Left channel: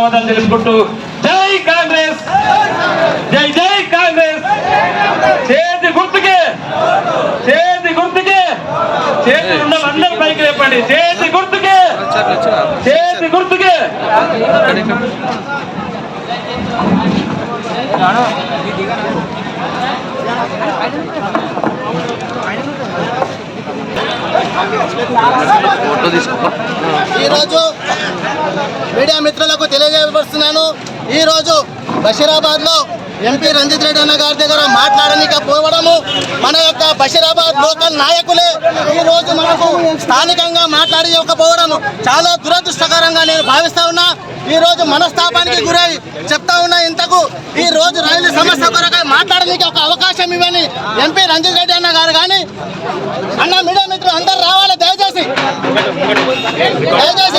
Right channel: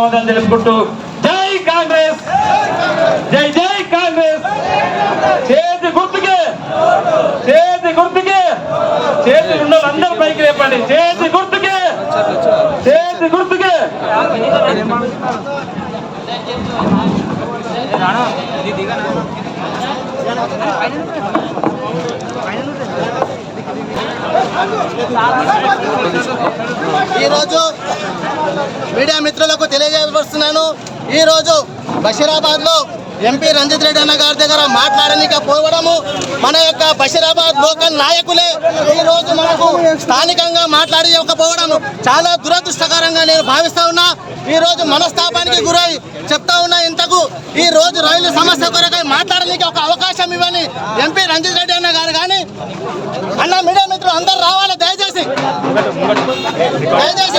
ధన్యవాదాలు తెలుపుకుంటూ జై కాంగ్రెస్, జై జై కాంగ్రెస్. చేతి గుర్తుకే, చేతి గుర్తుకే, చేతి అందరూ పైకి చెప్పండి. చేతి గుర్తుకే, చేతి గుర్తుకే. ఈరోజు మీడియా మిత్రులకు తెలియజేయవస్తున్నాను. ఈరోజు బషీరాబాద్ లో ఎంపీ రంజిత్ రెడ్డి అన్న గారి దగ్గర మాట్లాడలేకపోవడము, మన యొక్క బషీరాబాద్ లోకల్ నాయకులే ఈ రోజు మనకు స్థానికంగా మాట్లాడకపోవడము చాలా దురదృష్టకరంగా నేను భావిస్తా ఉన్నా. ఈ రోజు మనస్తాపానికి గురై చెప్తా ఉన్నా. ఇంతకు ఈ రోజు రైలు సమస్య కొరకై మాట్లాడడానికి ఒక అవకాశం ఇవ్వని ఎంపీ రంజిత్ రెడ్డి అన్న గారు కానీ అన్న మీడియా మిత్రులు అందరూ రావాలి, దయచేసి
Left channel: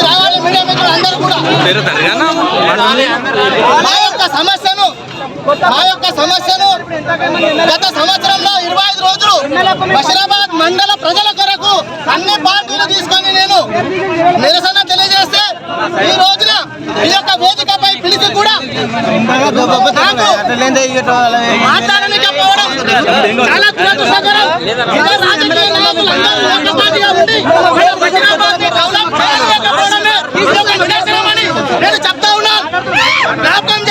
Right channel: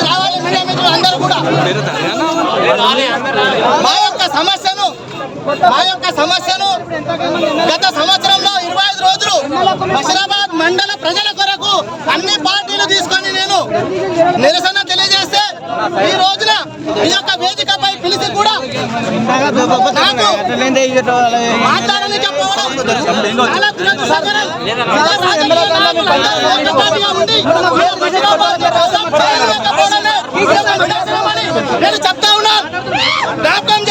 రావాలి. మీడియా మిత్రులు అందరూ కూడా మా యొక్క సమస్యను గత సంవత్సరంలో 25 రోజులు బషీరాబాద్ మండల ప్రజల కొరకు అన్ని పార్టీలు తీసుకొని నేను నిరసన తెలియజేస్తే ఈ రోజున ఈ యొక్క వేదికపై పిలిచి కూడా మాట్లాడలేకపోవడం చాలా దురదృష్టకరం. నేను చెప్తా ఉన్నా, జ్ఞాపకం